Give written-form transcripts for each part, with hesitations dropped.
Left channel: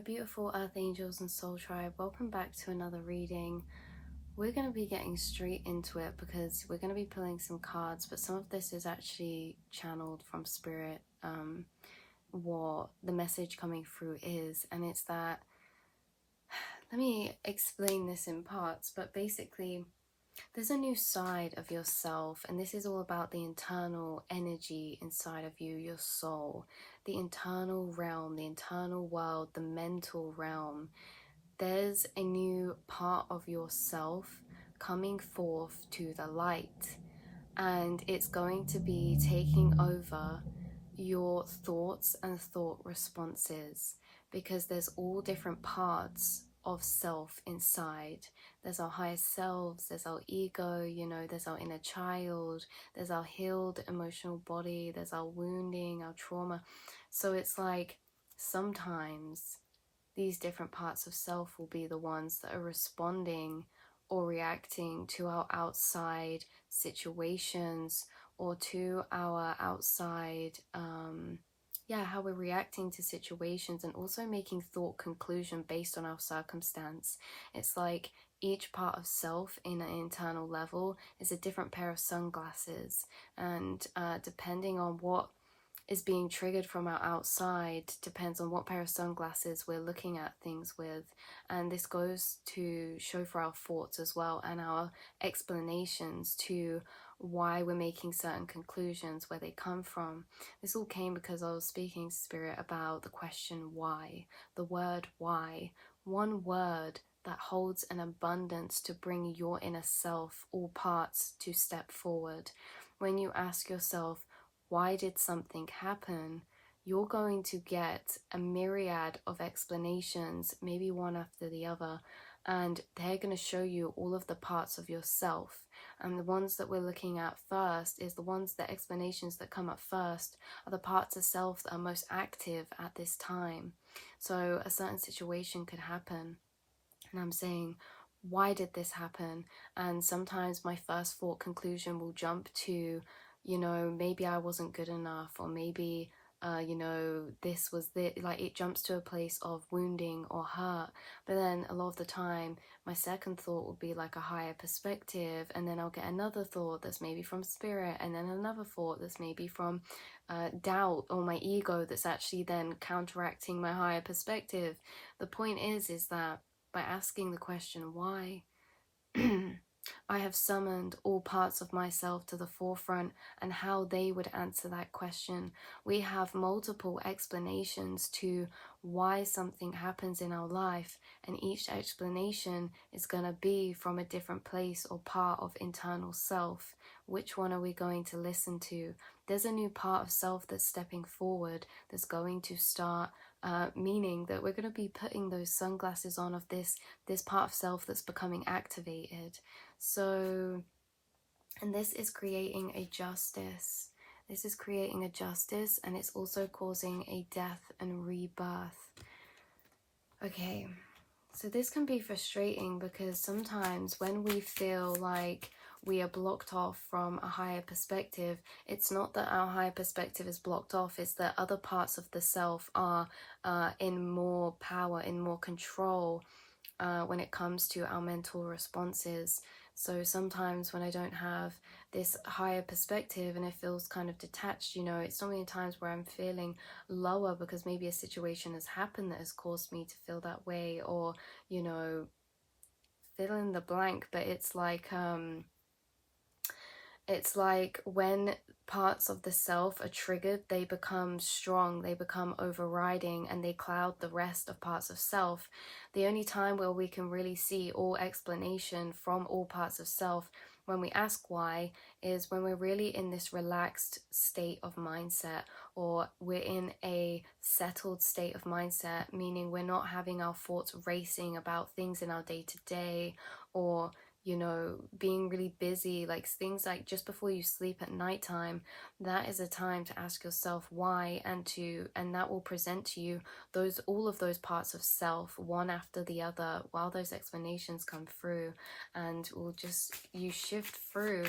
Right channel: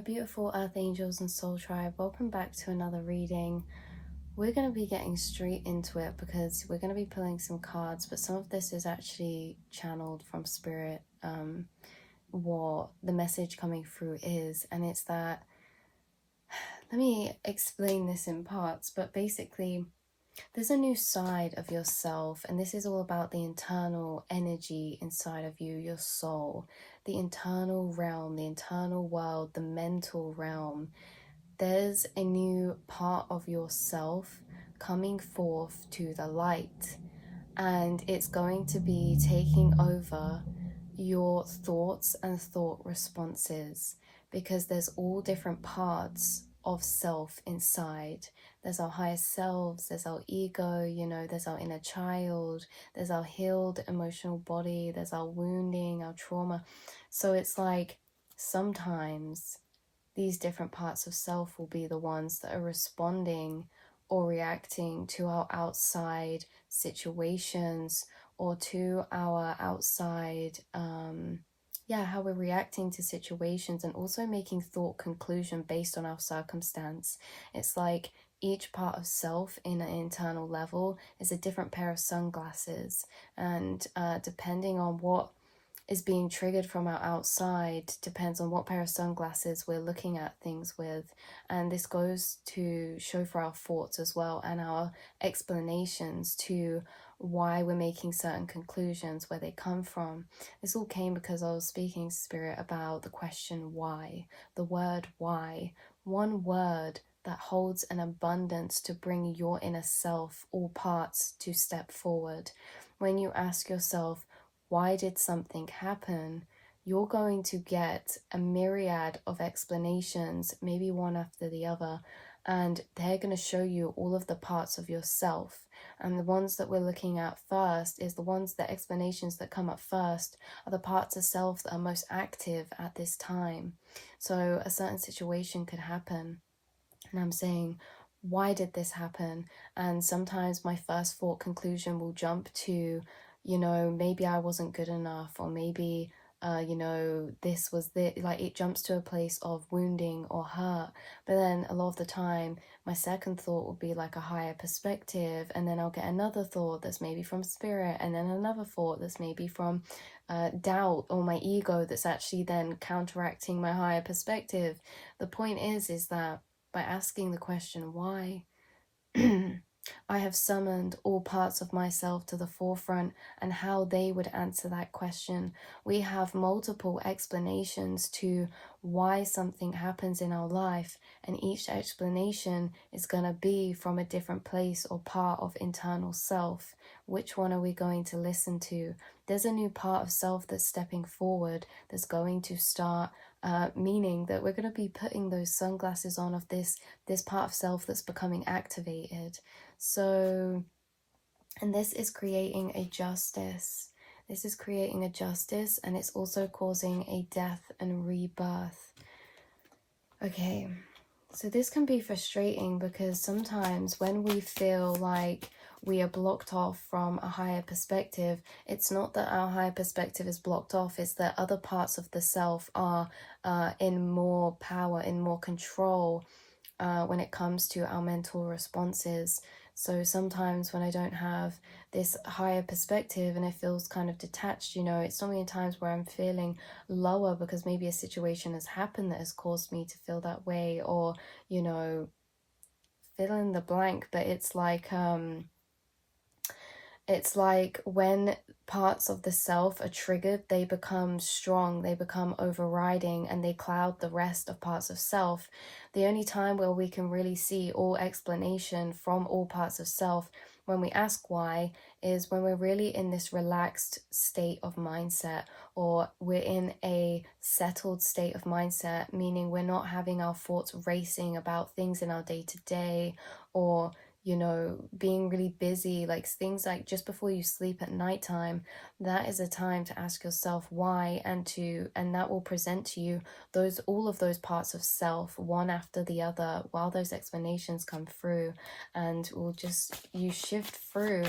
beautiful Earth Angels and Soul Tribe, welcome back to another reading. We're going to be getting straight into it because we're going to be pulling some cards, but some of this is actually channeled from Spirit, what the message coming through is. And it's that, let me explain this in parts, but basically there's a new side of yourself, and this is all about the internal energy inside of you, your soul, the internal realm, the internal world, the mental realm. There's a new part of yourself coming forth to the light, and it's going to be taking over your thoughts and thought responses, because there's all different parts of self inside. There's our higher selves, there's our ego, there's our inner child, there's our healed emotional body, there's our wounding, our trauma. So it's like sometimes these different parts of self will be the ones that are responding or reacting to our outside situations, or to our outside how we're reacting to situations, and also making thought conclusion based on our circumstance. It's like each part of self in an internal level is a different pair of sunglasses, and depending on what is being triggered from our outside depends on what pair of sunglasses we're looking at things with. And this goes to show for our thoughts as well, and our explanations to why we're making certain conclusions, where they come from. This all came because I was speaking to Spirit about the question why, the word why, one word that holds an abundance to bring your inner self, all parts, to step forward. When you ask yourself, why did something happen? You're going to get a myriad of explanations, maybe one after the other, and they're going to show you all of the parts of yourself. And the ones that we're looking at first is the explanations that come up first are the parts of self that are most active at this time. So a certain situation could happen, and I'm saying, why did this happen? And sometimes my first thought conclusion will jump to, maybe I wasn't good enough, or maybe, this was like it jumps to a place of wounding or hurt. But then a lot of the time, my second thought will be like a higher perspective, and then I'll get another thought that's maybe from Spirit, and then another thought that's maybe from doubt or my ego, that's actually then counteracting my higher perspective. The point is that by asking the question why, I have summoned all parts of myself to the forefront, and how they would answer that question. We have multiple explanations to why something happens in our life, and each explanation is going to be from a different place or part of internal self. Which one are we going to listen to? There's a new part of self that's stepping forward, that's going to start meaning that we're going to be putting those sunglasses on of this part of self that's becoming activated. So, and this is creating a justice. This is creating a justice, and it's also causing a death and rebirth. Okay, so this can be frustrating, because sometimes when we feel like we are blocked off from a higher perspective, it's not that our higher perspective is blocked off, it's that other parts of the self are in more power, in more control when it comes to our mental responses. So sometimes when I don't have this higher perspective and it feels kind of detached, it's so many times where I'm feeling lower because maybe a situation has happened that has caused me to feel that way, or, fill in the blank. But it's like when parts of the self are triggered, they become strong, they become overriding, and they cloud the rest of parts of self. The only time where we can really see all explanation from all parts of self, when we ask why, is when we're really in this relaxed state of mindset, or we're in a settled state of mindset, meaning we're not having our thoughts racing about things in our day-to-day, or being really busy, like things like just before you sleep at nighttime. That is a time to ask yourself why, and that will present to you all of those parts of self one after the other while those explanations come through, and you shift through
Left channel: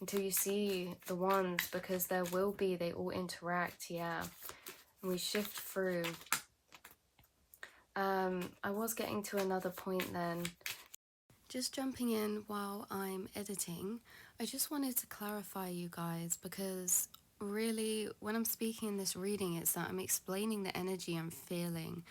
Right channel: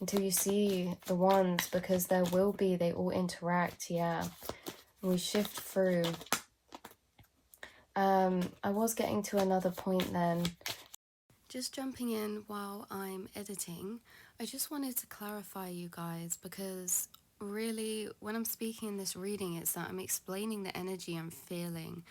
until you see the ones, because they all interact. We shift through I was getting to another point then. Just jumping in while I'm editing, I just wanted to clarify, you guys, because really, when I'm speaking in this reading, it's that I'm explaining the energy I'm feeling.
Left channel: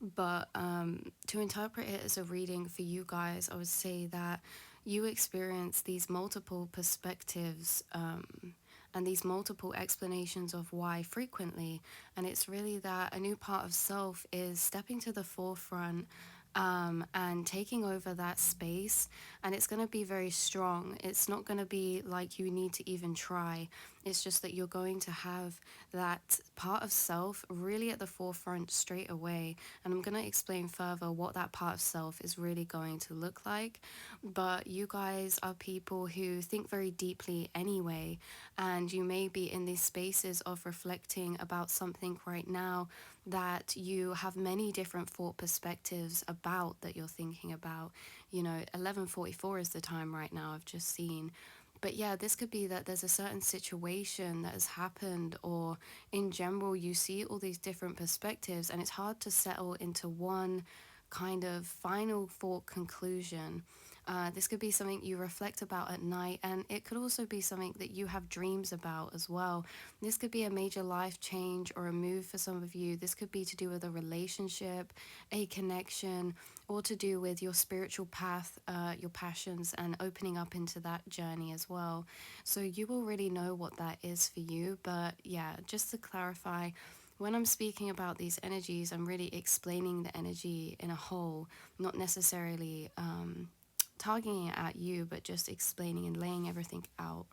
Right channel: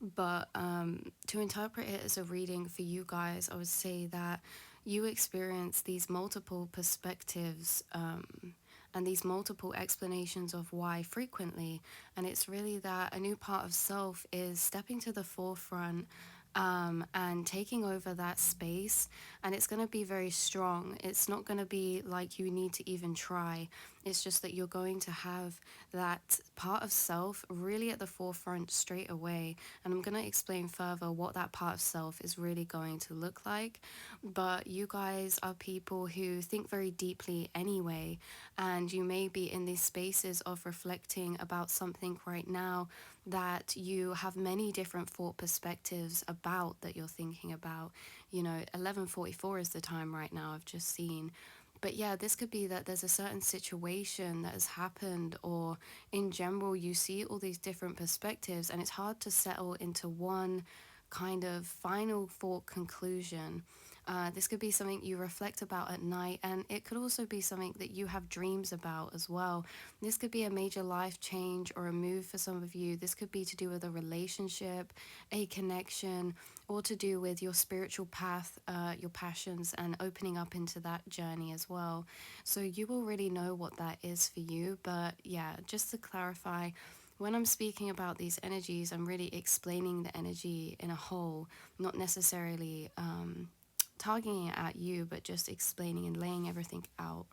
But to interpret it as a reading for you guys, I would say that you experience these multiple perspectives and these multiple explanations of why frequently. And it's really that a new part of self is stepping to the forefront and taking over that space. And it's going to be very strong. It's not going to be like you need to even try. It's just that you're going to have that part of self really at the forefront straight away. And I'm going to explain further what that part of self is really going to look like. But you guys are people who think very deeply anyway. And you may be in these spaces of reflecting about something right now that you have many different thought perspectives about, that you're thinking about. 11:44 is the time right now, I've just seen. But yeah, this could be that there's a certain situation that has happened, or in general, you see all these different perspectives, and it's hard to settle into one kind of final thought conclusion. This could be something you reflect about at night, and it could also be something that you have dreams about as well. This could be a major life change or a move for some of you. This could be to do with a relationship, a connection, or to do with your spiritual path, your passions, and opening up into that journey as well. So you will really know what that is for you. But yeah, just to clarify, when I'm speaking about these energies, I'm really explaining the energy in a whole, not necessarily targeting it at you, but just explaining and laying everything out.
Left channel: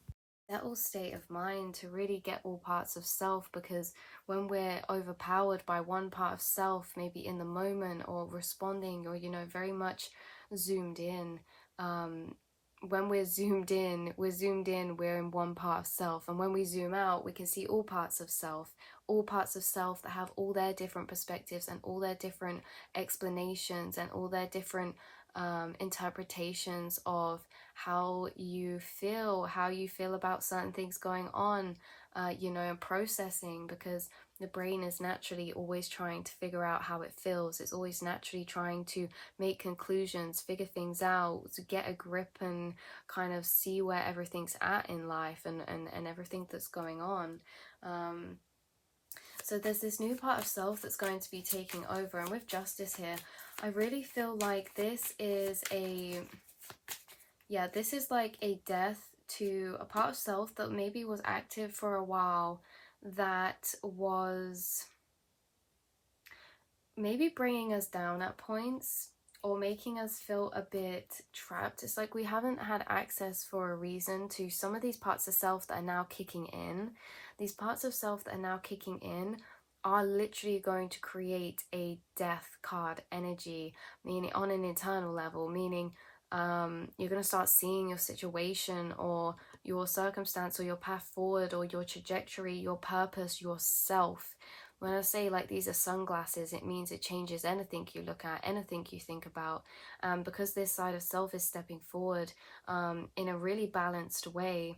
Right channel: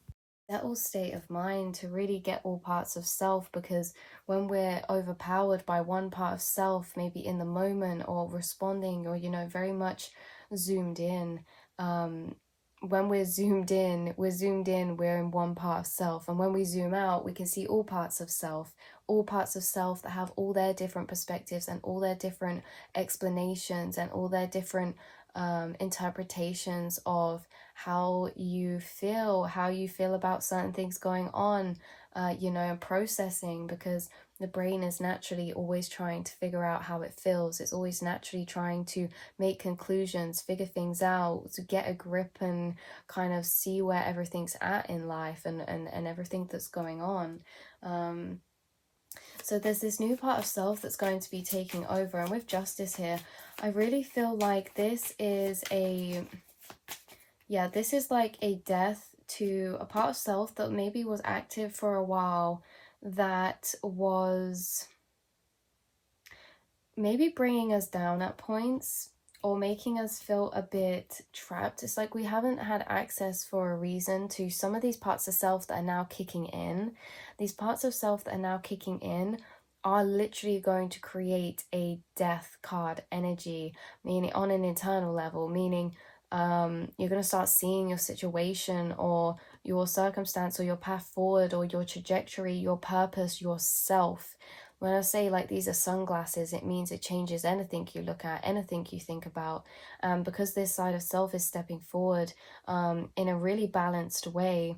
Settled state of mind to really get all parts of self, because when we're overpowered by one part of self, maybe in the moment or responding, or very much zoomed in, when we're zoomed in, we're in one part of self. And when we zoom out, we can see all parts of self, all parts of self that have all their different perspectives and all their different explanations and all their different interpretations of how you feel about certain things going on, and processing, because the brain is naturally always trying to figure out how it feels. It's always naturally trying to make conclusions, figure things out, to get a grip and kind of see where everything's at in life, and everything that's going on. So there's this new part of self that's going to be taking over. And with justice here, I really feel like this is like a death to a part of self that maybe was active for a while, that was maybe bringing us down at points or making us feel a bit trapped. It's like we haven't had access for a reason to some of these parts of self that are now kicking in. These parts of self that are now kicking in are literally going to create a death card energy, meaning on an internal level, meaning you're going to start seeing your situation or your circumstance or your path forward or your trajectory, your purpose, yourself. When I say like these are sunglasses, it means it changes anything you look at, anything you think about. Because this side of self is stepping forward in a really balanced way,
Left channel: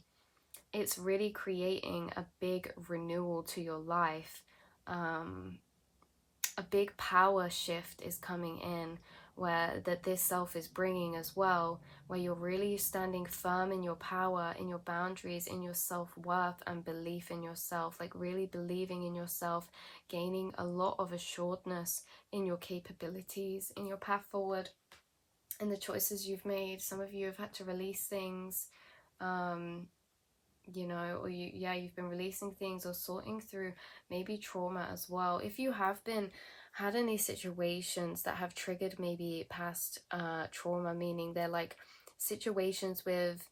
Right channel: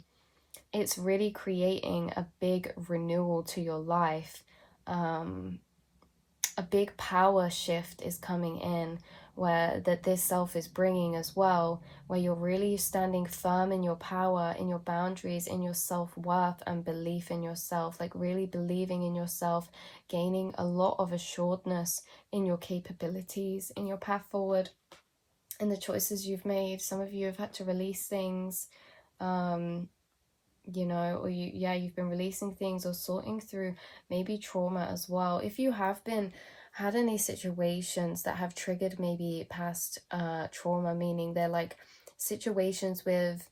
it's really creating a big renewal to your life. A big power shift is coming in, where this self is bringing as well, where you're really standing firm in your power, in your boundaries, in your self-worth and belief in yourself, like really believing in yourself, gaining a lot of assuredness in your capabilities, in your path forward, in the choices you've made. Some of you have had to release things, or you've been releasing things or sorting through maybe trauma as well. If you have had any situations that have triggered maybe past trauma, meaning they're like situations with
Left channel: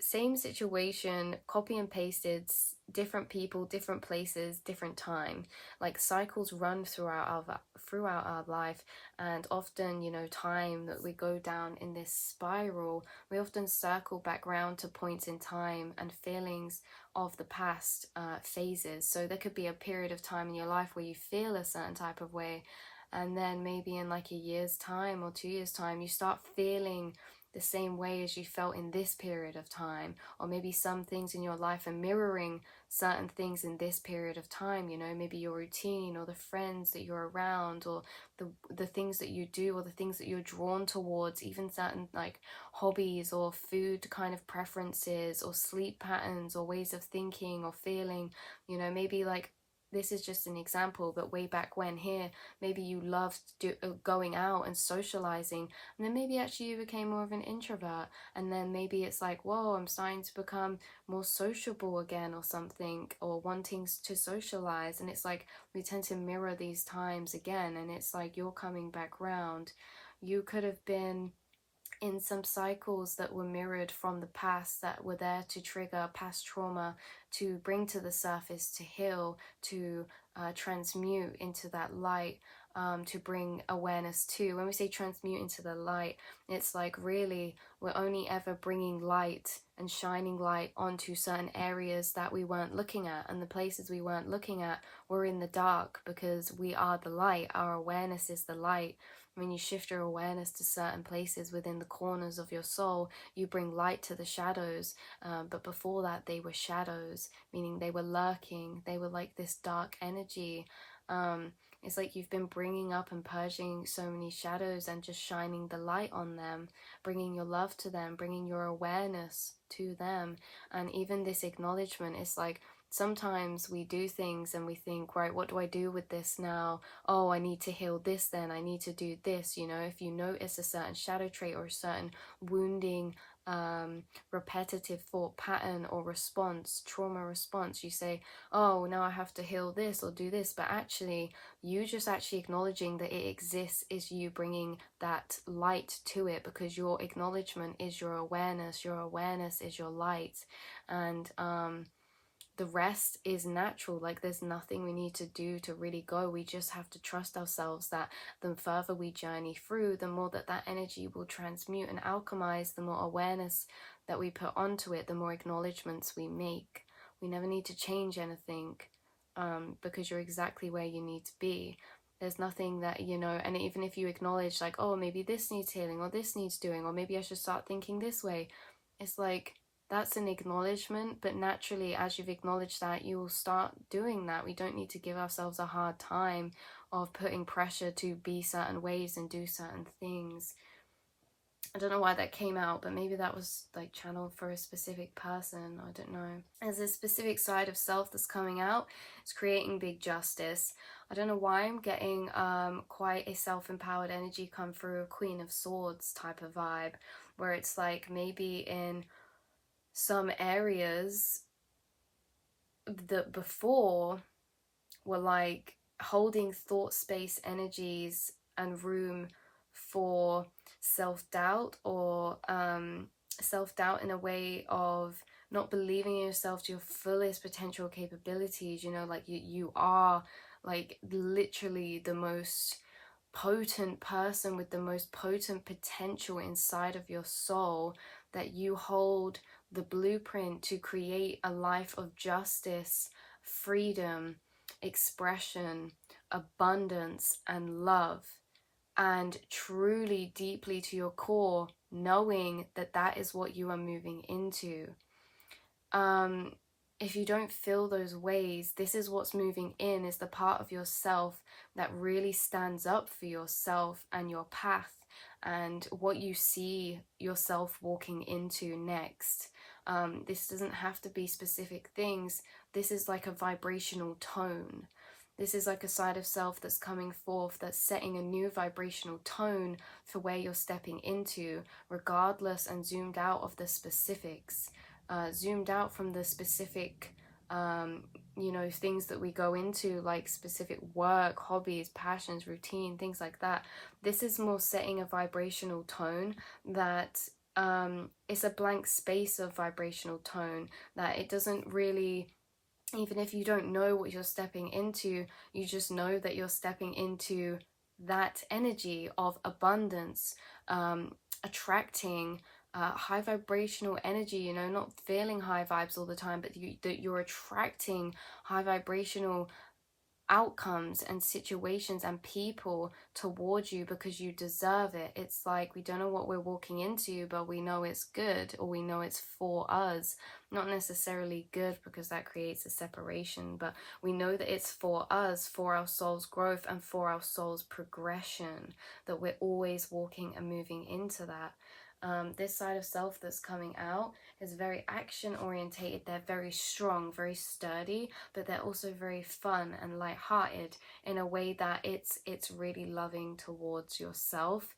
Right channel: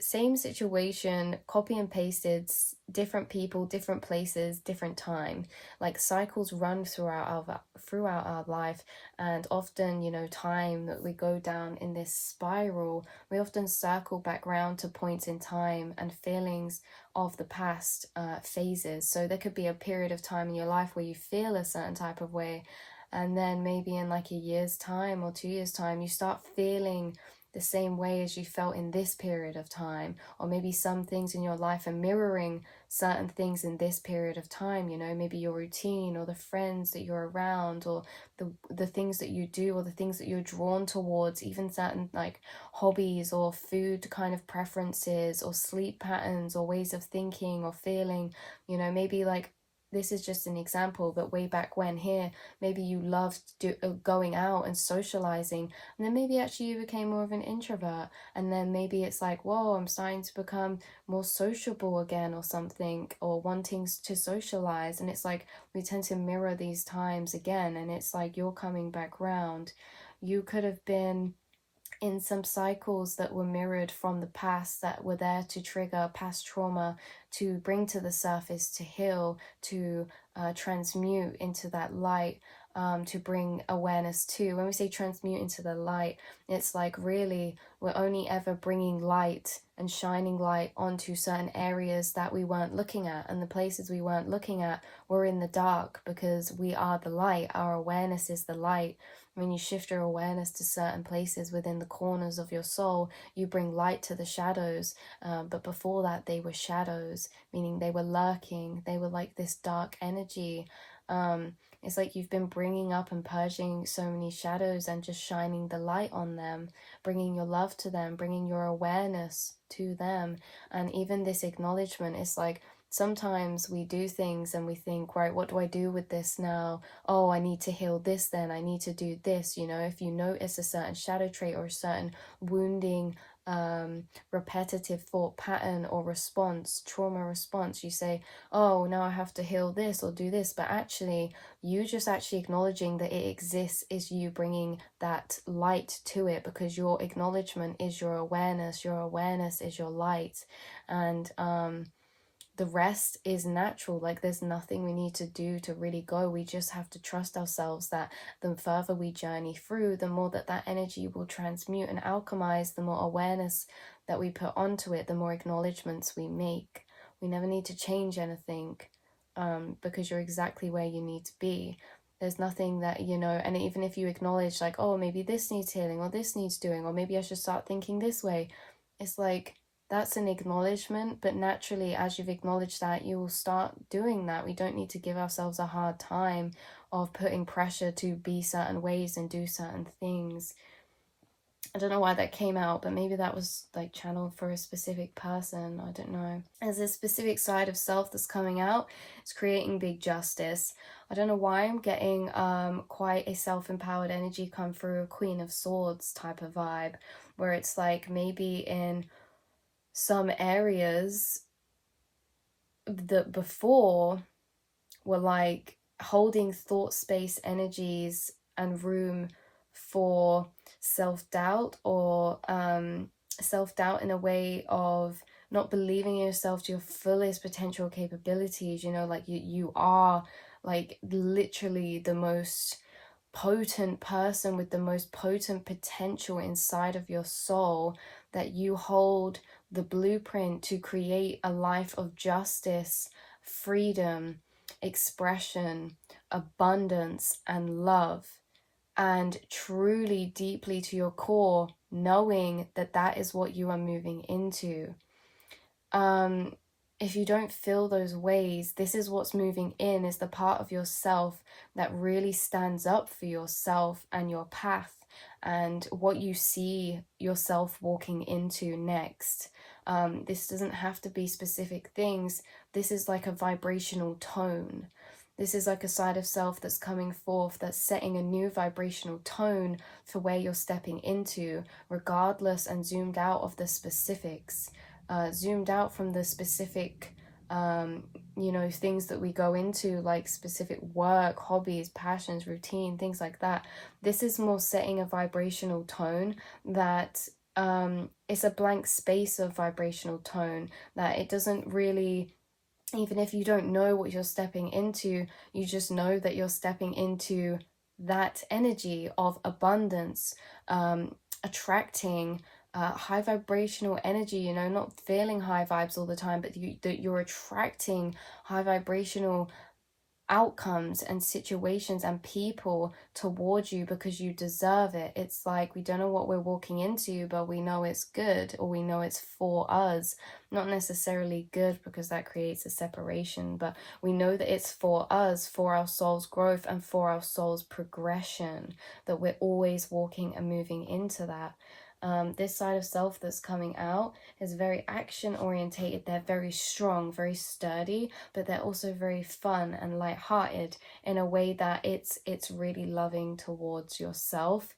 same situation, copy and pasted, different people, different places, different time, like cycles run throughout our life. And often, time that we go down in this spiral, we often circle back round to points in time and feelings of the past phases. So there could be a period of time in your life where you feel a certain type of way, and then maybe in like a year's time or 2 years time, you start feeling the same way as you felt in this period of time, or maybe some things in your life are mirroring certain things in this period of time, you know, maybe your routine or the friends that you're around, or the things that you do, or the things that you're drawn towards, even certain like hobbies or food kind of preferences or sleep patterns or ways of thinking or feeling, you know, maybe like this is just an example, but way back when here, maybe you loved going out and socializing, and then maybe actually you became more of an introvert, and then maybe it's like, whoa, I'm starting to become more sociable again or something, or wanting to socialize, and it's like we tend to mirror these times again, and it's like you're coming back round. You could have been in some cycles that were mirrored from the past, that were there to trigger past trauma, to bring to the surface, to heal, to transmute into that light, to bring awareness to. When we say transmute into the light, it's like really we're only ever bringing light and shining light onto certain areas that we weren't looking at, and the places we weren't looking at were in the dark, because we are the light. Our awareness is the light. When you shift your awareness to certain places within the corners of your soul, you bring light to the shadows. But before that, they were shadows, meaning they were lurking. They were like this dark energy. It's like you've been bringing up and purging so many shadows and just shining the light on them, bringing your love to them, bringing your awareness to them. And even this acknowledgement is like, sometimes we do things and we think, right, what do I do with this now? Oh, I need to heal this, then I need to do this. You know, if you notice a certain shadow trait or a certain wounding, repetitive thought pattern or response, trauma response, you say, oh, now I have to heal this or do this. But actually, you just actually acknowledging that it exists is you bringing that light to it, because your acknowledgement is your awareness is your light. And the rest is natural. Like, there's nothing we need to do to really go. We just have to trust ourselves that the further we journey through, the more that energy will transmute and alchemize, the more awareness that we put onto it, the more acknowledgements we make. We never need to change anything, because you're exactly where you need to be. There's nothing that, you know, and even if you acknowledge like, oh, maybe this needs healing, or this needs doing, or maybe I should start thinking this way, it's like, that's an acknowledgement, but naturally, as you've acknowledged that, you will start doing that. We don't need to give ourselves a hard time of putting pressure to be certain ways and do certain things. I don't know why that came out, but maybe that was like channeled for a specific person. I don't know. As a specific side of self that's coming out, it's creating big justice. I don't know why I'm getting quite a self-empowered energy come through, a Queen of Swords type of vibe, where it's like maybe in some areas that before were like holding thought space energies and room for self-doubt, or self-doubt in a way of not believing in yourself to your fullest potential capabilities, you know, like you are like literally the most potent person with the most potent potential inside of your soul, that you hold the blueprint to create a life of justice, freedom, expression, abundance, and love. And truly, deeply to your core, knowing that that is what you are moving into. If you don't feel those ways, this is what's moving in, is the part of yourself that really stands up for yourself and your path and what you see yourself walking into next. This doesn't have to be specific things. This is like a vibrational tone. This is like a side of self that's coming forth, that's setting a new vibrational tone for where you're stepping into, regardless and zoomed out of the specifics. Zoomed out from the specific, you know, things that we go into, like specific work, hobbies, passions, routine, things like that. This is more setting a vibrational tone that it's a blank space of vibrational tone, that it doesn't really, even if you don't know what you're stepping into, you just know that you're stepping into that energy of abundance, attracting high vibrational energy, you know, not feeling high vibes all the time, but that you're attracting high vibrational outcomes and situations and people towards you because you deserve it. It's like we don't know what we're walking into, but we know it's good, or we know it's for us. Not necessarily good, because that creates a separation, but we know that it's for us, for our soul's growth and for our soul's progression, that we're always walking and moving into that. This side of self that's coming out is very action orientated. They're very strong, very sturdy, but they're also very fun and lighthearted in a way that it's really loving towards yourself.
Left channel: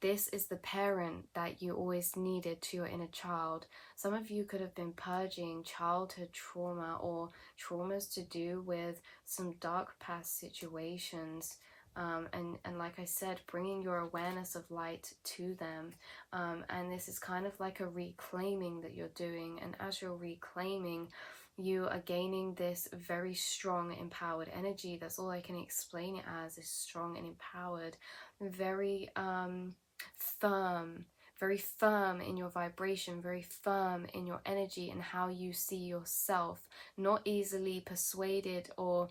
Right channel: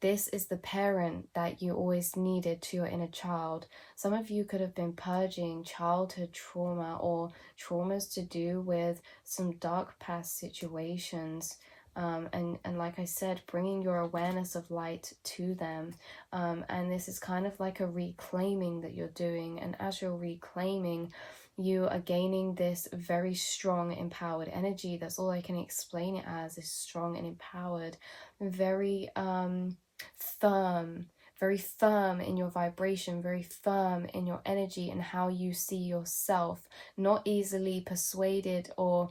This is the parent that you always needed to your inner child. Some of you could have been purging childhood trauma or traumas to do with some dark past situations. And like I said, bringing your awareness of light to them. And this is kind of like a reclaiming that you're doing. And as you're reclaiming, you are gaining this very strong, empowered energy. That's all I can explain it as, is strong and empowered. Very firm, very firm in your vibration, very firm in your energy and how you see yourself. Not easily persuaded or,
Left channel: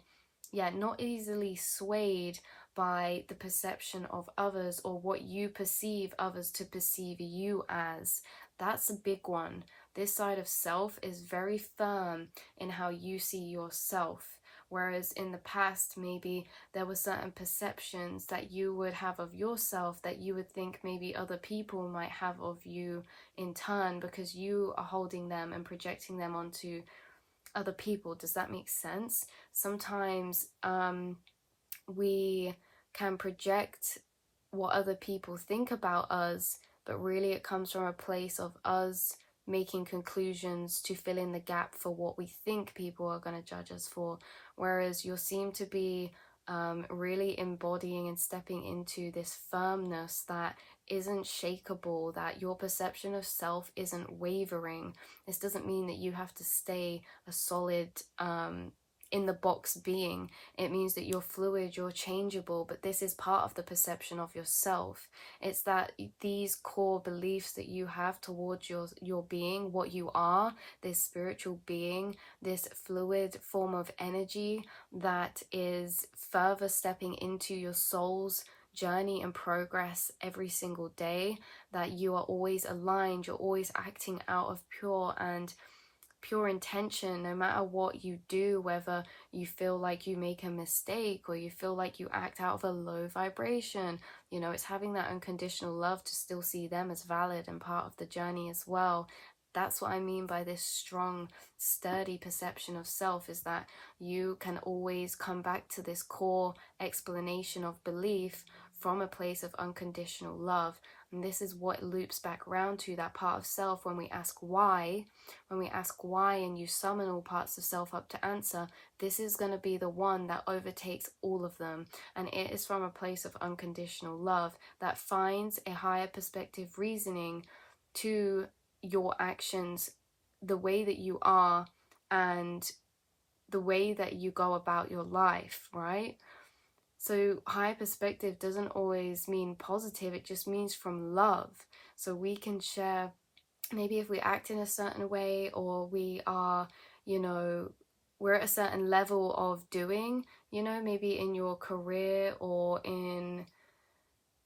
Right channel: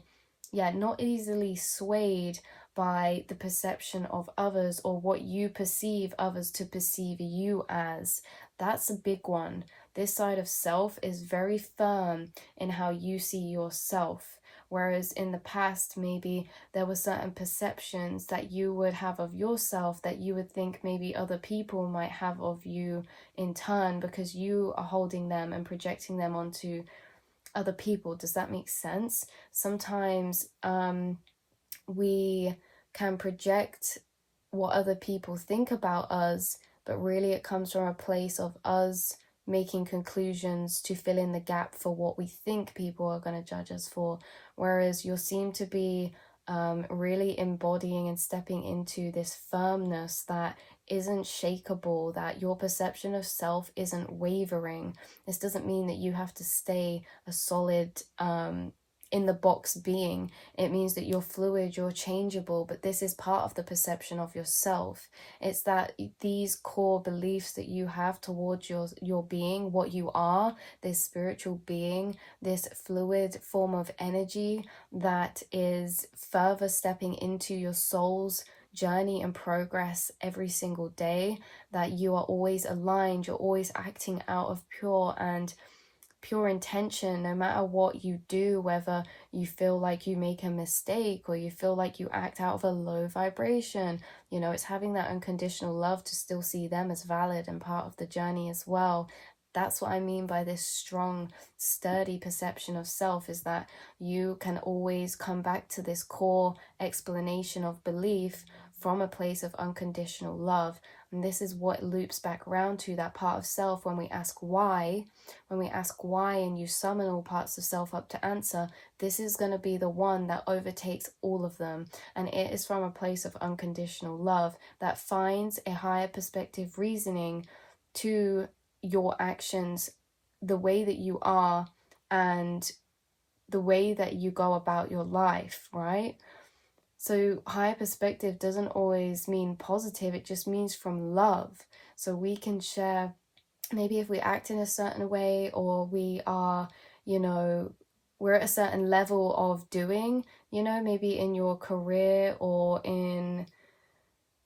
not easily swayed by the perception of others or what you perceive others to perceive you as. That's a big one. This side of self is very firm in how you see yourself. Whereas in the past, maybe there were certain perceptions that you would have of yourself that you would think maybe other people might have of you in turn, because you are holding them and projecting them onto other people. Does that make sense? Sometimes we can project what other people think about us, but really it comes from a place of us making conclusions to fill in the gap for what we think people are going to judge us for. Whereas you seem to be really embodying and stepping into this firmness that isn't shakable, that your perception of self isn't wavering. This doesn't mean that you have to stay a solid in the box being. It means that you're fluid, you're changeable, but this is part of the perception of yourself. It's that these core beliefs that you have towards your being, what you are, this spiritual being, this fluid form of energy that is further stepping into your soul's journey and progress every single day, that you are always aligned, you're always acting out of pure intention, no matter what you do, whether you feel like you make a mistake or you feel like you act out of a low vibration. It's having that unconditional love to still see them as valid and part of the journey as well. That's what I mean by this strong, sturdy perception of self, is that you can always come back to this core explanation of belief from a place of unconditional love. And this is what loops back around to that part of self when we ask why. When we ask why and you summon all parts of self up to answer, this is going to be the one that overtakes all of them. And it is from a place of unconditional love that finds a higher perspective reasoning to your actions, the way that you are, and the way that you go about your life, right? So higher perspective doesn't always mean positive, it just means from love. So we can share, maybe if we act in a certain way, or we are, we're at a certain level of doing, maybe in your career or in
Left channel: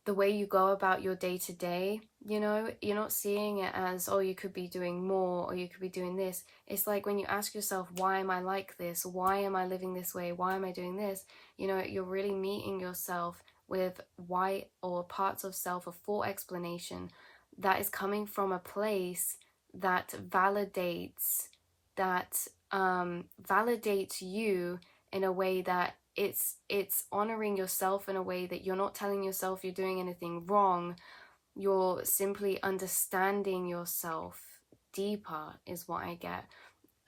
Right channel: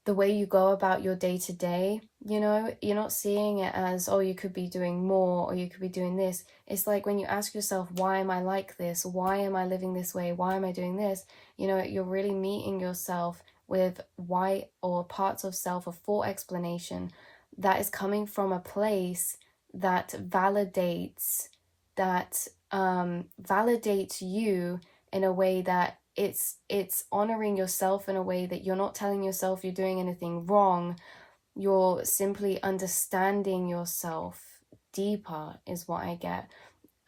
the way you go about your day to day, you're not seeing it as, oh, you could be doing more or you could be doing this. It's like when you ask yourself, why am I like this? Why am I living this way? Why am I doing this? You're really meeting yourself with why, or parts of self, a full explanation that is coming from a place that validates, you in a way that it's honoring yourself in a way that you're not telling yourself you're doing anything wrong. You're simply understanding yourself deeper, is what I get.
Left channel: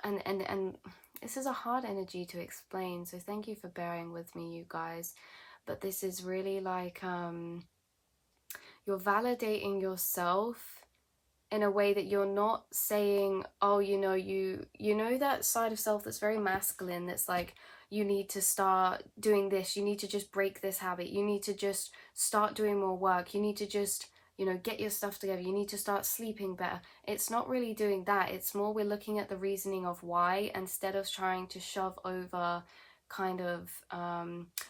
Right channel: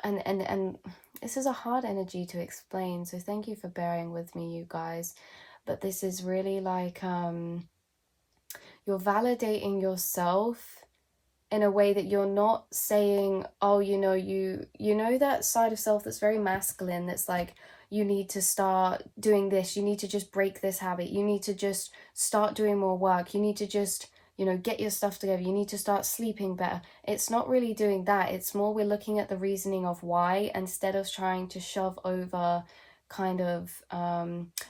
And this is a hard energy to explain, so thank you for bearing with me, you guys. But this is really like you're validating yourself in a way that you're not saying, oh, you know that side of self that's very masculine, that's like, you need to start doing this, you need to just break this habit, you need to just start doing more work, you need to just, get your stuff together, you need to start sleeping better. It's not really doing that. It's more we're looking at the reasoning of why, instead of trying to shove over kind of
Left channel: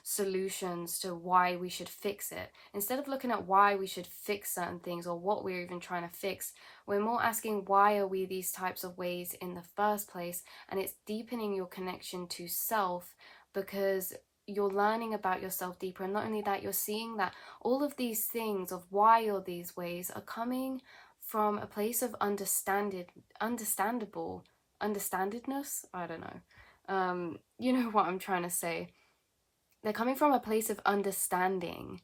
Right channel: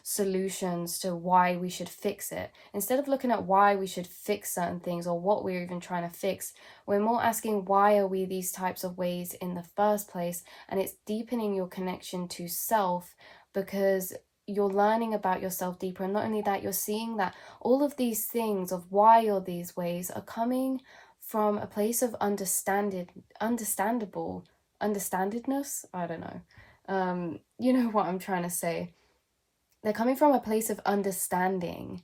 solutions to why we should fix it. Instead of looking at why we should fix certain things or what we're even trying to fix, we're more asking why are we these types of ways in the first place. And it's deepening your connection to self, because you're learning about yourself deeper. And not only that, you're seeing that all of these things of why you're these ways are coming from a place of understandedness. I don't know. You know what I'm trying to say. They're coming from a place of understanding.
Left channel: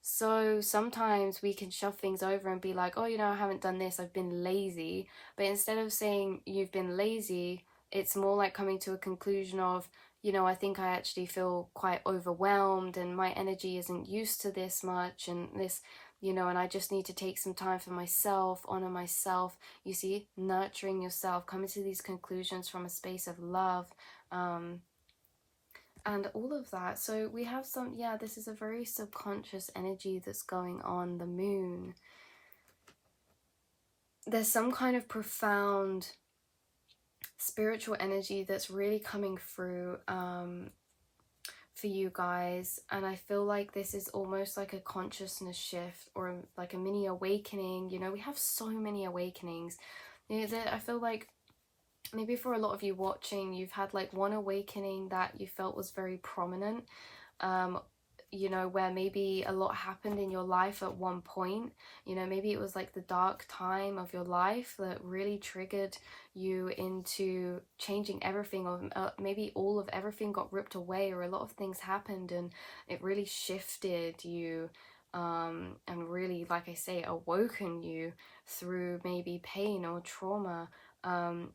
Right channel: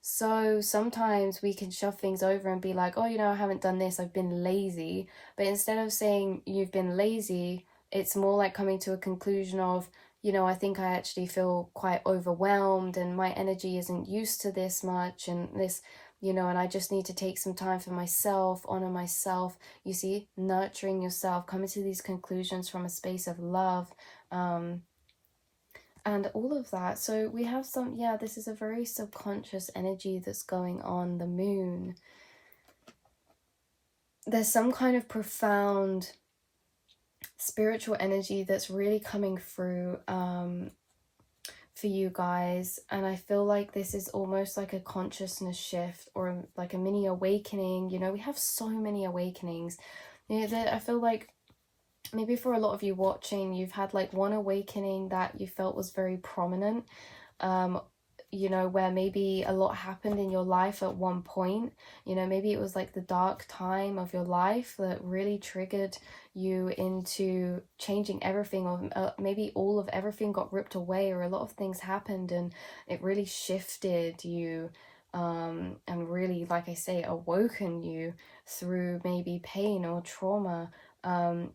So sometimes we can shove things over and be like, oh, I haven't done this, I've been lazy. But instead of saying you've been lazy, it's more like coming to a conclusion of, I think I actually feel quite overwhelmed and my energy isn't used to this much and this, and I just need to take some time for myself, honor myself. You see, nurturing yourself, coming to these conclusions from a space of love. And all of that. So we have this is a very subconscious energy that's going on, the moon. There's some kind of profound spiritual energy that's really coming through for you guys. And I feel like this is almost like a consciousness shift or like a mini awakening. We have so many awakenings. I feel like maybe for a lot of you watching, you've had like one awakening that you felt was very prominent, where maybe a lot happened in your life at one point. Maybe it was like the dark time of your life that really triggered you into changing everything, or maybe all of everything got ripped away, or a lot of things happened and it really shifted you, and really, like I say, awoken you through maybe pain or trauma.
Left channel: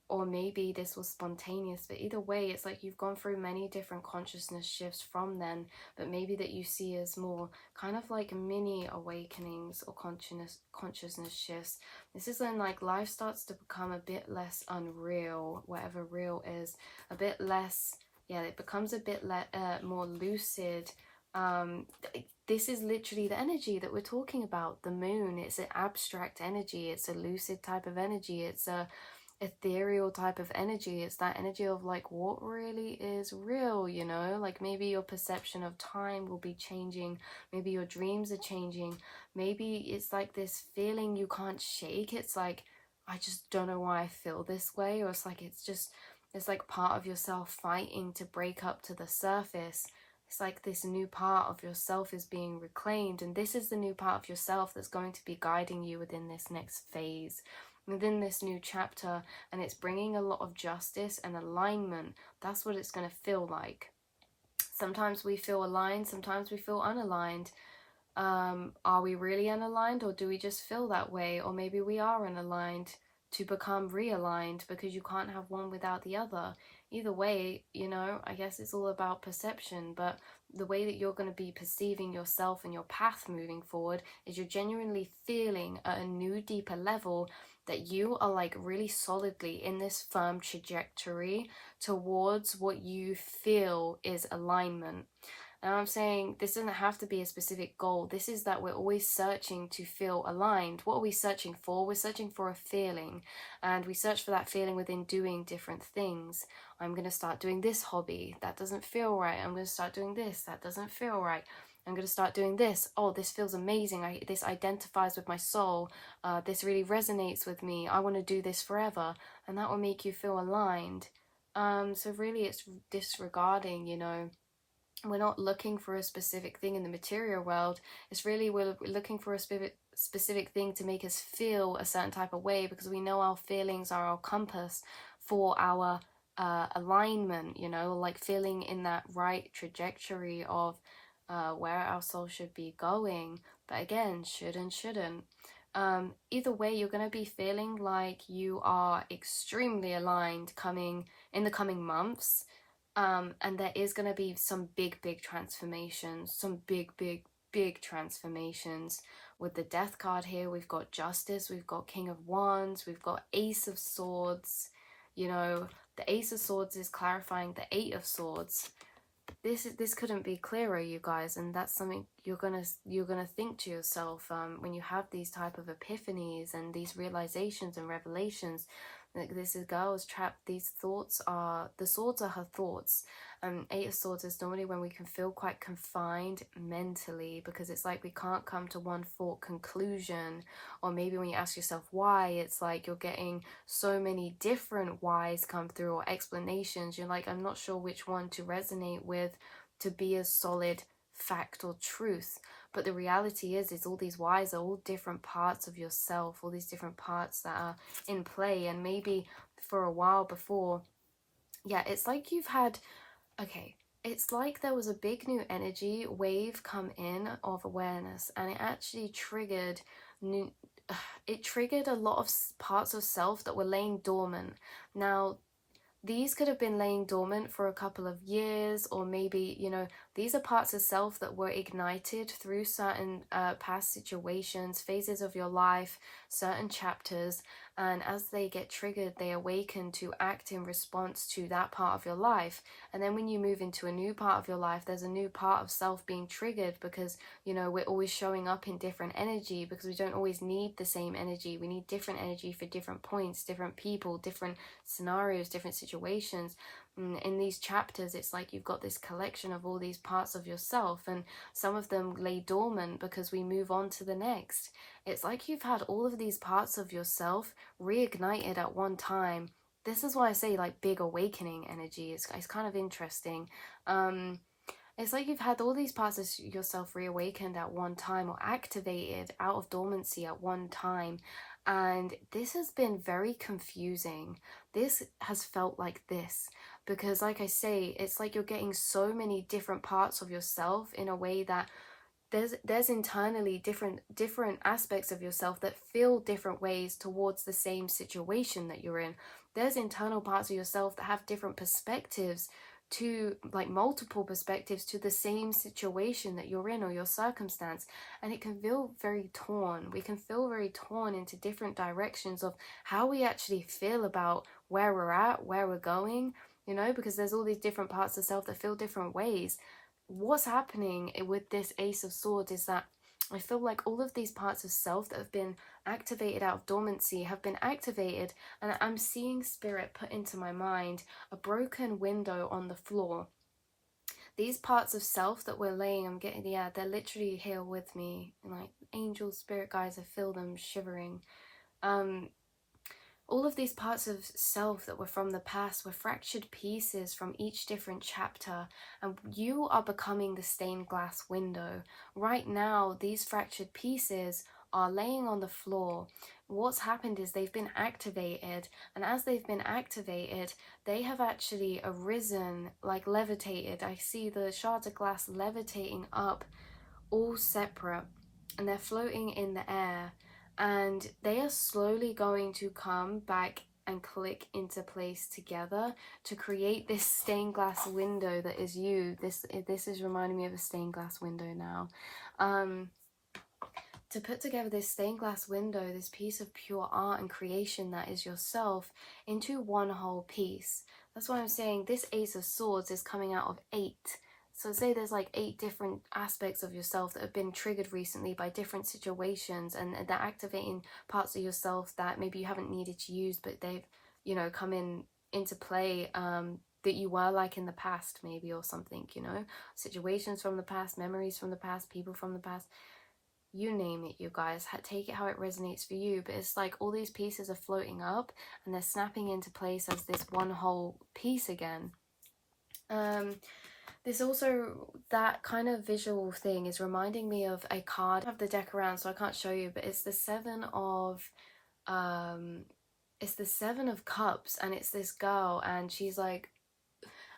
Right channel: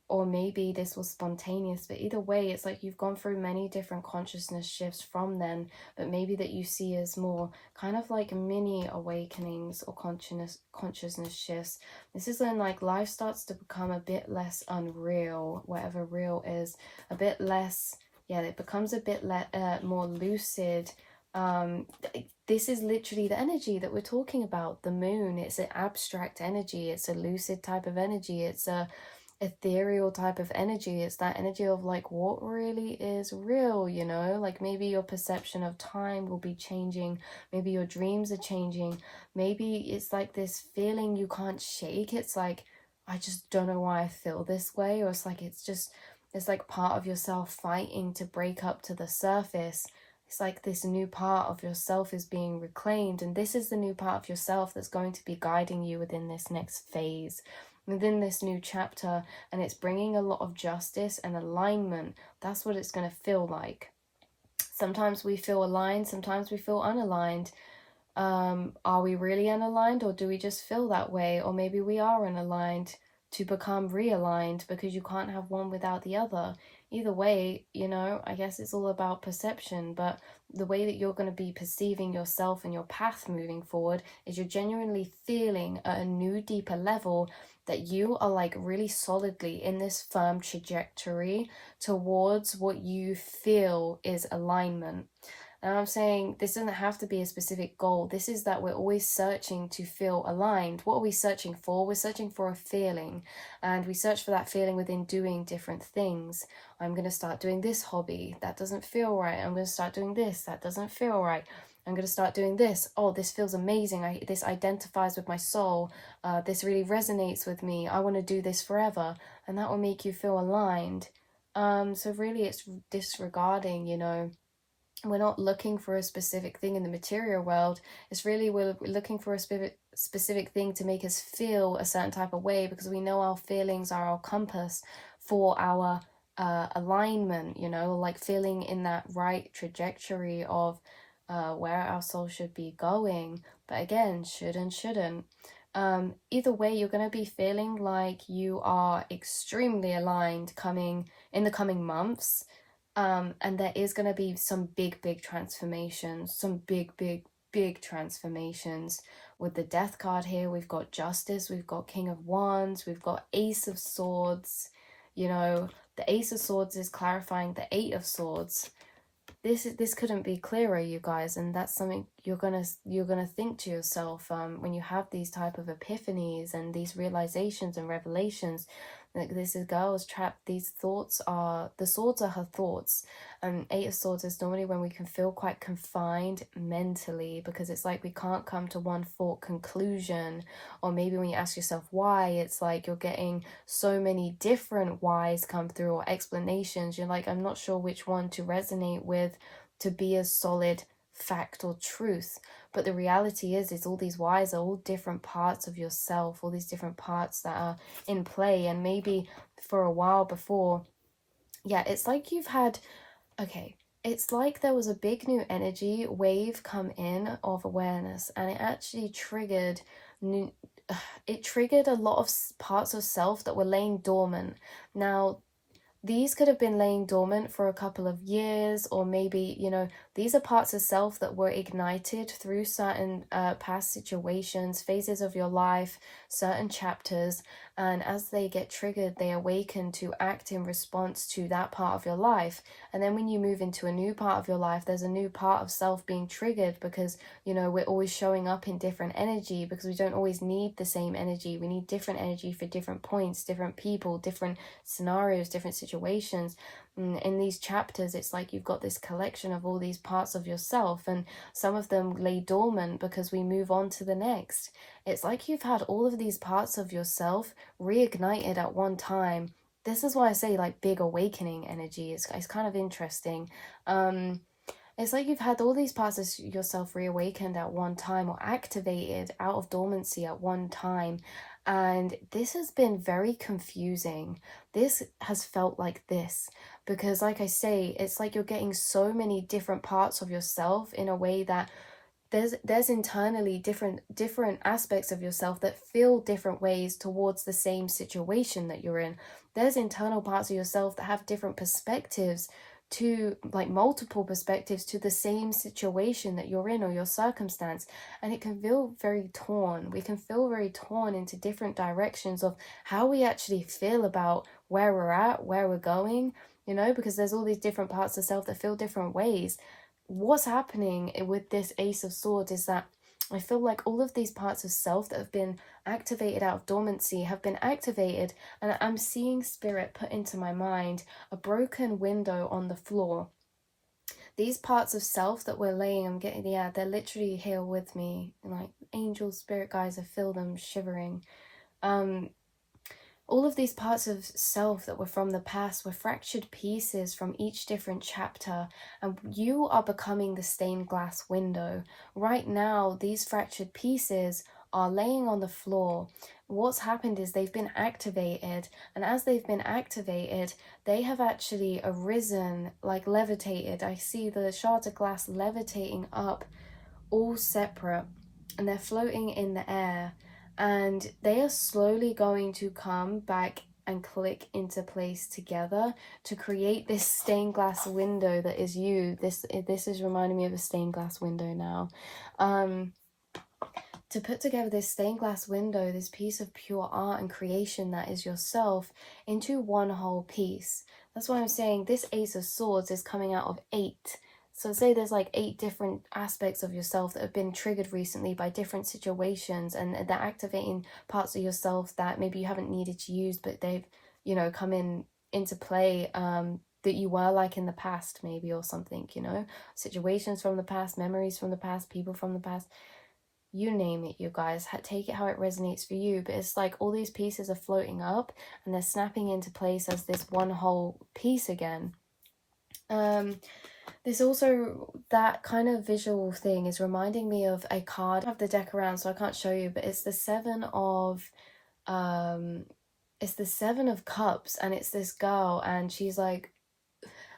Or maybe this was spontaneous, but either way, it's like you've gone through many different consciousness shifts from then, but maybe that you see as more kind of like mini awakenings or consciousness shifts. This is when like life starts to become a bit less unreal, whatever real is, a bit less, it becomes a bit more lucid. This is literally the energy that we're talking about, the moon. It's an abstract energy, it's a lucid type of energy, it's a ethereal type of energy. It's that energy of like what really is real, like maybe your perception of time will be changing, maybe your dreams are changing, maybe it's like this feeling you can't shake. It's like, I just don't know why I feel this way, or it's like part of yourself fighting to break up to the surface. It's like this new part of yourself is being reclaimed, and this is the new part of yourself that's going to be guiding you within this next phase, within this new chapter, and it's bringing a lot of justice and alignment. That's what it's going to feel like. Sometimes we feel aligned, sometimes we feel unaligned. Are we really unaligned, or do we just feel that way? Or maybe we are unaligned to become realigned, because you can't have one without the other. Either way, I guess it's all about perception, but the way that you're going to be perceiving yourself and your path moving forward is you're genuinely feeling at a new, deeper level that you are like really solidly in this firm trajectory towards what you feel is alignment. And I'm saying this doesn't have to be a specific goal. This is that we're always searching to feel aligned. What are we searching for? We're searching for a feeling, and we search for that feeling within doing different things. I'm going to start doing this hobby. That doesn't feel right. I'm going to start doing this. That doesn't feel right. I'm going to start doing this. Oh, this feels amazing. This identifies with my soul. This really resonates with me. I want to do this forever. And that will make you feel aligned. So really it's disregarding, we're not looking for a specific thing in the material world. It's really, we're looking for a specific thing to make us feel a certain type of way, because we know our feelings are our compass for our alignment, like feeling in that right trajectory of where our soul should be going. But again, should and shouldn't. Either way, you're going to be feeling like you are extremely aligned in the coming months. And there is going to be some big transformations, some big transformations. With the Death card here, we've got Justice, we've got King of Wands, we've got Ace of Swords. The Ace of Swords is clarifying the Eight of Swords. This couldn't be clearer, you guys, and that's something you're gonna think to yourself when you have these type of epiphanies and these realizations and revelations. Like, this is girl's trapped. These thoughts are, the swords are her thoughts. And Eight of Swords is normally when we can feel quite confined mentally, because it's like we can't come to one thought conclusion. Or maybe when you ask yourself why, it's like you're getting so many different whys come through, or explanations. You're like, I'm not sure which one to resonate with to be a solid fact or truth. But the reality is all these whys are all different parts of yourself, all these different parts that are in play. And maybe for a while before, yeah, it's like you've had, okay, it's like there was a big new energy wave come in of awareness, and it actually triggered new, it triggered a lot of parts of self that were laying dormant. Now, these could have been laying dormant for a couple of years, or maybe, you know, these are parts of self that were ignited through certain past situations, phases of your life, certain chapters. And as they get triggered, they awaken to act in response to that part of your life. And then when you move into a new part of your life, there's a new part of self being triggered, because, you know, we're always showing up in different energy, because we don't always need the same energy. We need different energy for different points, different people, different scenarios, different situations. In these chapters, it's like you've got this collection of all these parts of yourself, and some of them lay dormant because we move on to the next. It's like you've had all of these parts of yourself reignited at one time. This is why I say, like, big awakening energy. It's kind of interesting. It's like you've had all these parts of yourself reawakened at one time, or activated out of dormancy at one time. And this has been very confusing. This has felt like this because, like I say, it's like you're getting so many different parts of yourself in a way that there's internally different aspects of yourself that feel different ways towards the same situation that you're in. There's internal parts of yourself that have different perspectives, to like multiple perspectives to the same situation that you're in, or your circumstance. And it can feel very torn. We can feel very torn into different directions of how we actually feel about where we're at, where we're going, you know, because there's all these different parts of self that feel different ways. What's happening with this Ace of Swords is that I feel like all of these parts of self that have been activated out of dormancy have been activated, and I'm seeing spirit put into my mind a broken window on the floor. These parts of self that we're laying, I'm getting, yeah, they're literally here with me, like angels, spirit guides. I feel them shivering. All of these parts of self that were from the past were fractured pieces from each different chapter, and you are becoming the stained glass window. Right now, these fractured pieces are laying on the floor. What's happened is they've been activated, and as they've been activated, they have actually arisen, like levitated. I see the shards of glass levitating up, all separate, and they're floating in the air. And they are slowly going to come back and click into place together to create this stained glass window that is you. This is reminding me of a stained glass window now. To put together this stained glass window, this piece of pure art and creation that is yourself, into one whole piece. That's why I'm saying this Ace of Swords is coming out of 8. So say there's like 8 different aspects of yourself that have been triggered recently by different situations, and they're activating parts of yourself that maybe you haven't needed to use, but they've, you know, come into play, that you were like in the past maybe, or something, you know, situations from the past, memories from the past, people from the past. You name it, you guys. Take it how it resonates for you. But it's like all these pieces are floating up, and they're snapping into place as this one whole piece again. There's also that kind of visual thing is reminding me of a card. I have the deck around, so I can't show you, but it's the Seven of Cups, and it's this girl, and she's like,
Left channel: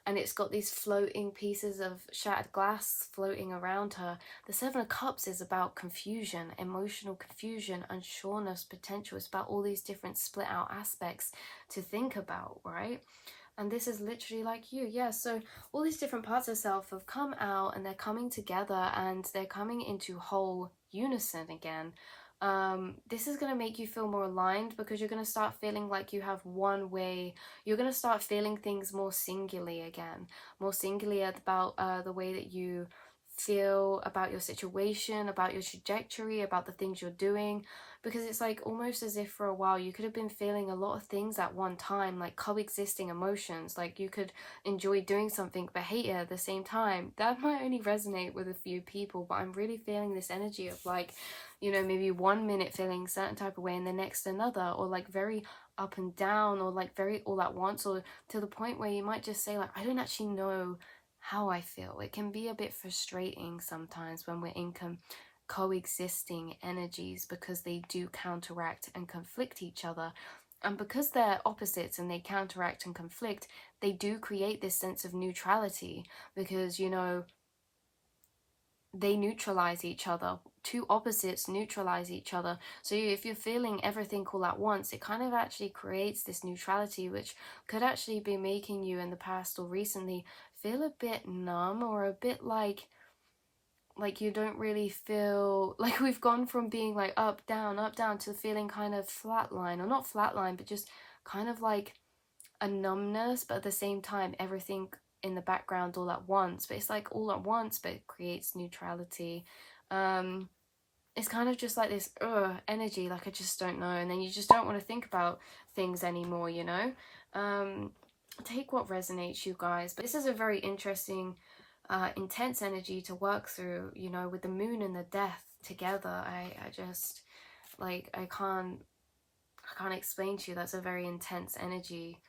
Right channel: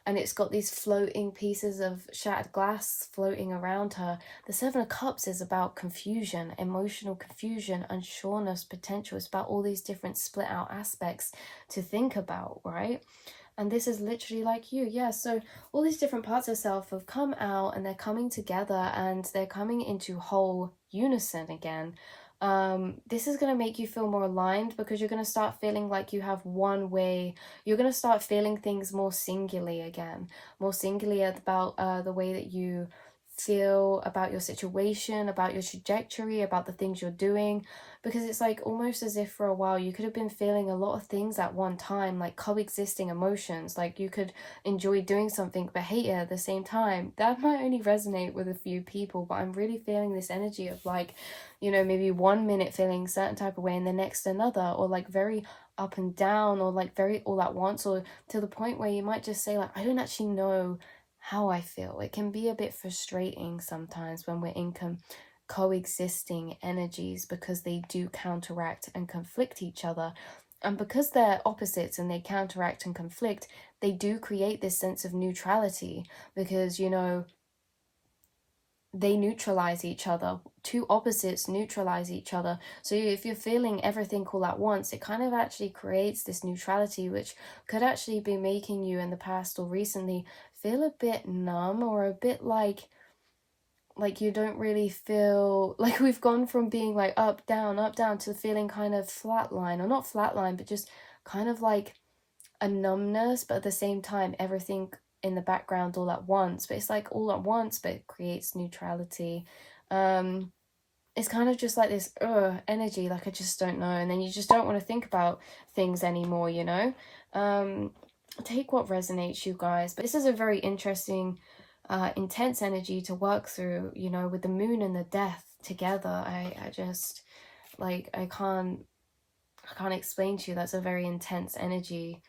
and it's got these floating pieces of shattered glass floating around her. The Seven of Cups is about confusion, emotional confusion, unsureness, potential. It's about all these different split out aspects to think about, right? And this is literally like you, yeah. So all these different parts of self have come out, and they're coming together, and they're coming into whole unison again. This is going to make you feel more aligned, because you're going to start feeling like you have one way. You're going to start feeling things more singularly again, more singularly about the way that you feel about your situation, about your trajectory, about the things you're doing, because it's like almost as if for a while you could have been feeling a lot of things at one time, like coexisting emotions. Like you could enjoy doing something but hate it at the same time. That might only resonate with a few people, but I'm really feeling this energy of like, you know, maybe 1 minute feeling a certain type of way and the next another, or like very up and down, or like very all at once, or to the point where you might just say like, I don't actually know how I feel. It can be a bit frustrating sometimes when we're in coexisting energies, because they do counteract and conflict each other. And because they're opposites and they counteract and conflict, they do create this sense of neutrality, because, you know, they neutralize each other. Two opposites neutralize each other. So if you're feeling everything all at once, it kind of actually creates this neutrality, which could actually be making you in the past or recently feel a bit numb, or a bit like you don't really feel like, we've gone from being like up down to feeling kind of flatline, or not flatline, but just kind of like a numbness, but at the same time everything in the background all at once, but it's like all at once but it creates neutrality. It's kind of just like this energy, like I just don't know, and then you just don't want to think about things anymore, you know. Take what resonates, you guys, but this is a very interesting intense energy to work through, you know, with the moon and the death together. I just like I can't explain to you, that's a very intense energy.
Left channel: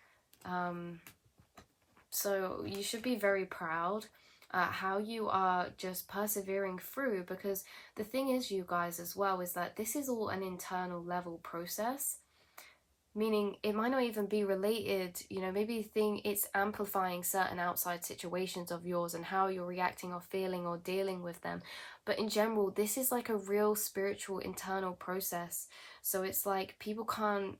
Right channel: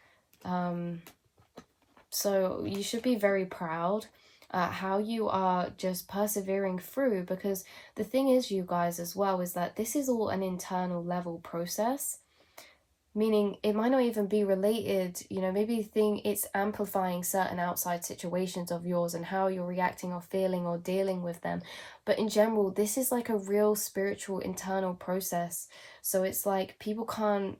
So you should be very proud how you are just persevering through, because the thing is, you guys, as well, is that this is all an internal level process, meaning it might not even be related, you know, maybe you think it's amplifying certain outside situations of yours and how you're reacting or feeling or dealing with them, but in general this is like a real spiritual internal process. So it's like people can't,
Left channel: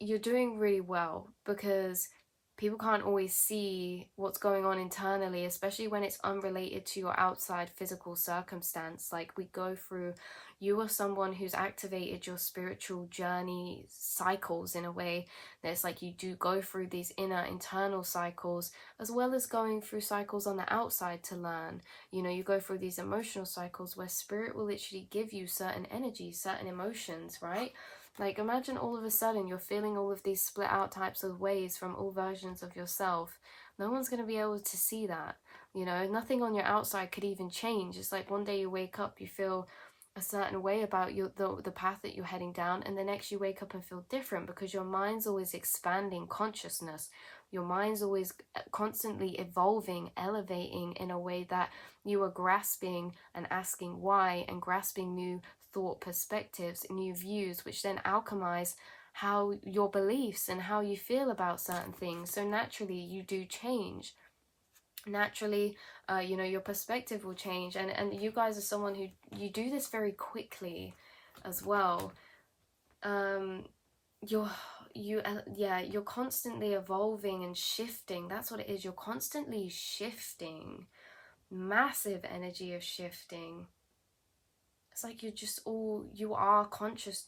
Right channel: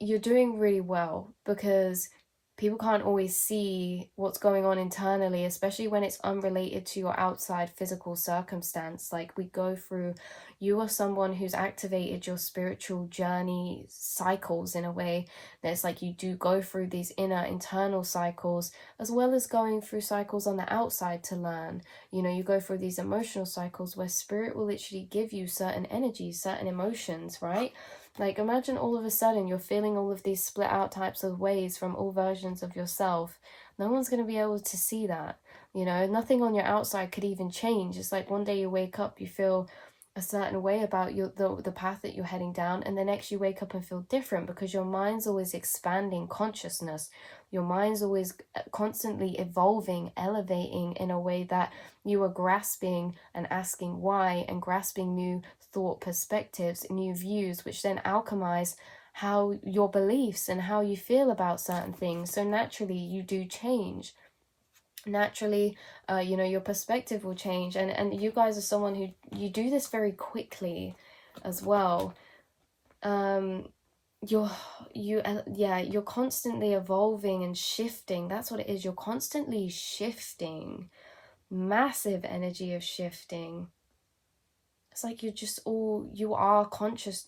you're doing really well, because people can't always see what's going on internally, especially when it's unrelated to your outside physical circumstance. Like we go through, you are someone who's activated your spiritual journey cycles in a way that's like you do go through these inner internal cycles, as well as going through cycles on the outside to learn. You know, you go through these emotional cycles where spirit will literally give you certain energies, certain emotions, right? Like imagine all of a sudden you're feeling all of these split out types of ways from all versions of yourself. No one's going to be able to see that. You know, nothing on your outside could even change. It's like one day you wake up, you feel a certain way about the path that you're heading down, and the next you wake up and feel different, because your mind's always expanding consciousness. Your mind's always constantly evolving, elevating in a way that you are grasping and asking why, and grasping new thought perspectives, new views, which then alchemize how your beliefs and how you feel about certain things. So naturally you do change. Naturally, you know, your perspective will change, and you guys are someone who, you do this very quickly as well. You're constantly evolving and shifting. That's what it is. You're constantly shifting. Massive energy of shifting. It's like you're just all, you are conscious.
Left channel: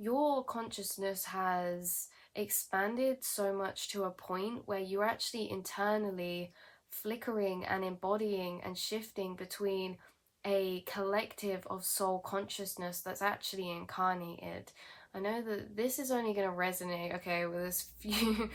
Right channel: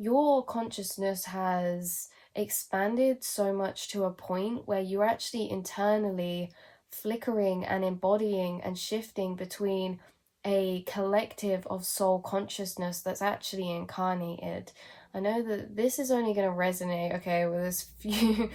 Your consciousness has expanded so much to a point where you're actually internally flickering and embodying and shifting between a collective of soul consciousness that's actually incarnated. I know that this is only going to resonate, okay, with this few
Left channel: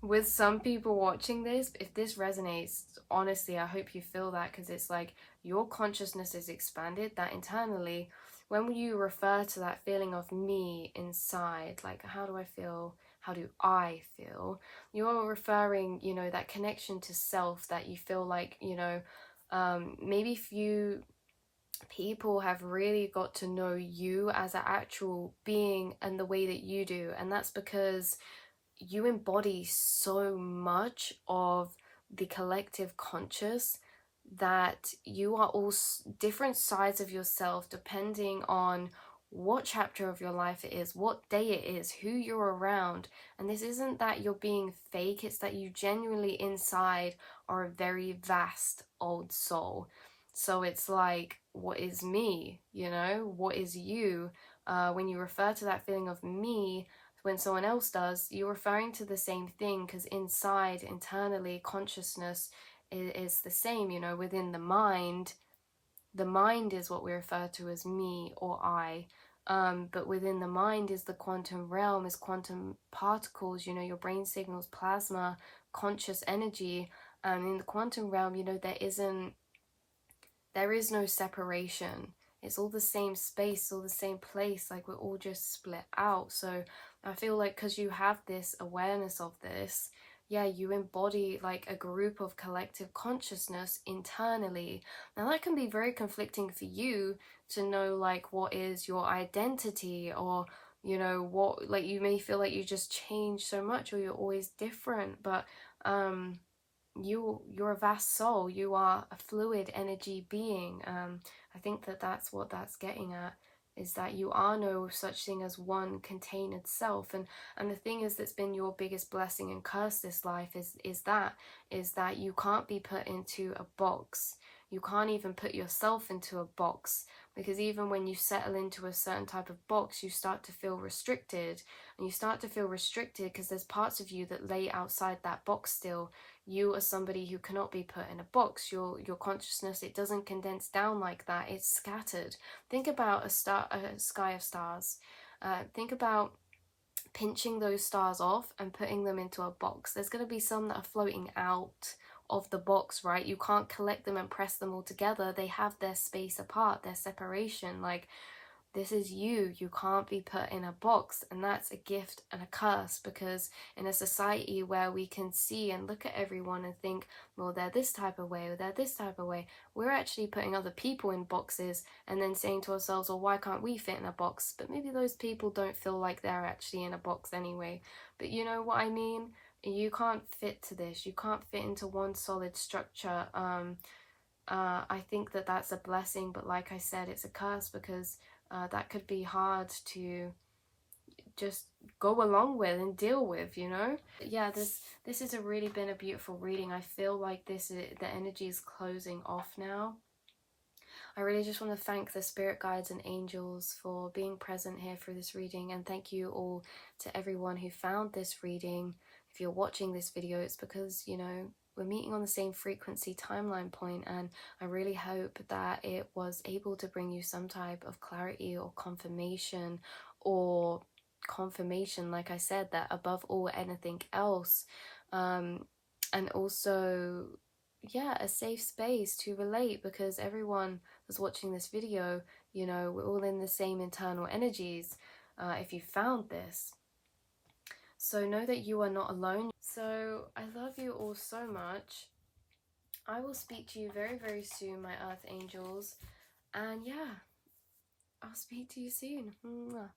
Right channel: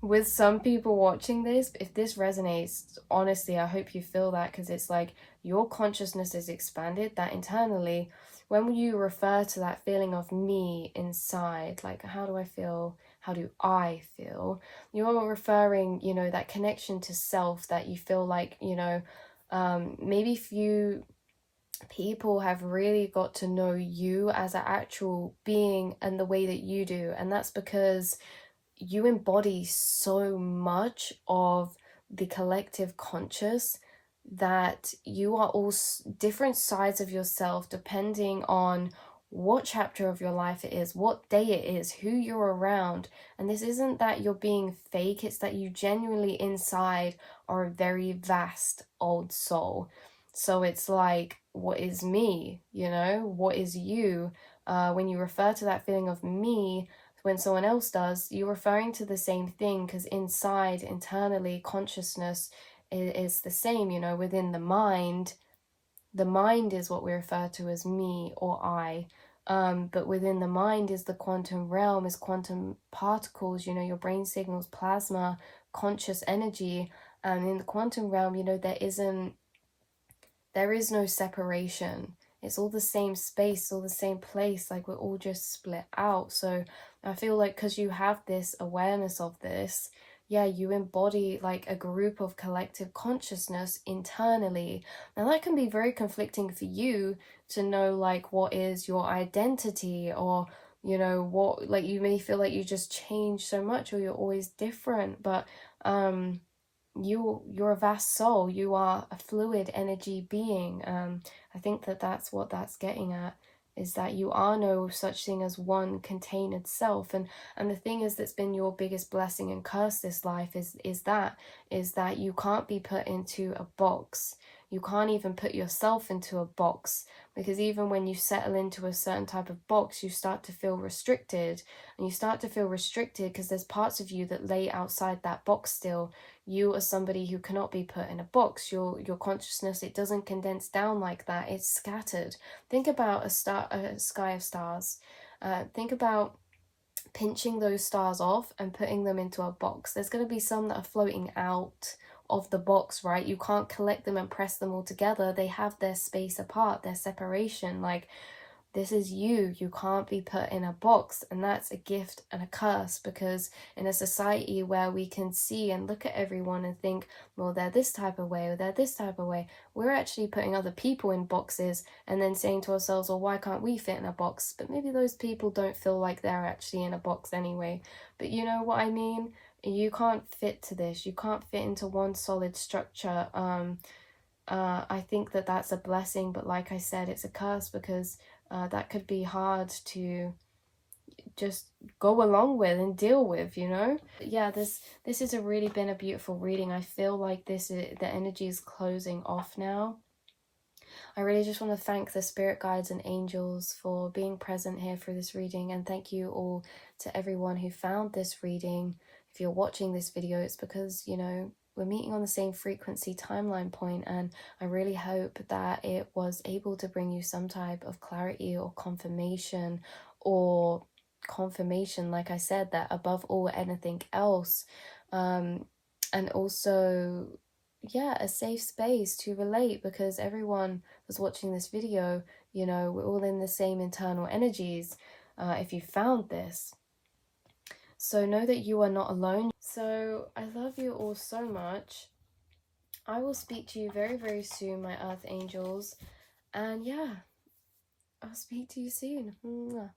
with some people watching this. If this resonates, honestly, I hope you feel that, because it's like your consciousness is expanded, that internally, when you refer to that feeling of me inside, like how do I feel, how do I feel, you're referring, you know, that connection to self, that you feel like, you know, maybe few people have really got to know you as an actual being and the way that you do, and that's because you embody so much of the collective conscious, that you are all different sides of yourself depending on what chapter of your life it is, what day it is, who you're around. And this isn't that you're being fake, it's that you genuinely inside are a very vast old soul. So it's like, what is me, you know, what is you? When you refer to that feeling of me, when someone else does, you're referring to the same thing, because inside, internally, consciousness is the same, you know, within the mind. The mind is what we refer to as me or I. But within the mind is the quantum realm, is quantum particles, you know, your brain signals, plasma, conscious energy. In the quantum realm, you know, there is no separation. It's all the same space, all the same place, like we're all just split out. So I feel like because you have this awareness of this, yeah, you embody like a group of collective consciousness internally. Now that can be very conflicting for you to know like what is your identity, or you know what, like you may feel like you just change so much or you're always different. But you're a vast soul, you are a fluid energy being. I think that that's what that's getting at, is that you are no such thing as one contained self. And the thing is, that's been your biggest blessing and curse this life, is that you can't be put into a box. You can't even put yourself into a box, because even when you settle into a certain type of box, you start to feel restricted. And you start to feel restricted because there's parts of you that lay outside that box still. You are somebody who cannot be put in a box. Your consciousness, it doesn't condense down like that. It's scattered. Think about a sky of stars. Think about pinching those stars off and putting them into a box. There's going to be some that are floating out of the box, right? You can't collect them and press them all together. They have their space apart, their separation. Like, this is you. You can't be put in a box. And that's a gift and a curse, because in a society where we can see and look at everyone and think, well, they're this type of way or they're this type of way, we're actually putting other people in boxes and then saying to ourselves, well, why can't we fit in a box? But maybe those people don't feel like they're actually in a box anyway. But you know what I mean? You can't fit to this. You can't fit into one solid structure. I think that that's a blessing, but like I said, it's a curse, because that could be hard to just go along with and deal with, you know. But yeah, this has really been a beautiful reading. I feel like the energy is closing off now. I really just want to thank the spirit guides and angels for being present here for this reading, and thank you all to everyone who found this reading. If you're watching this video, it's because, you know, we're meeting on the same frequency timeline point, and I really hope that it was able to bring you some type of clarity or confirmation, like I said, that above all anything else, and also, yeah, a safe space to relate, because everyone was watching this video, you know, we're all in the same internal energies, if you found this. So know that you are not alone. So I love you all so much. I will speak to you very, very soon, my earth angels. And yeah, I'll speak to you soon. Mwah.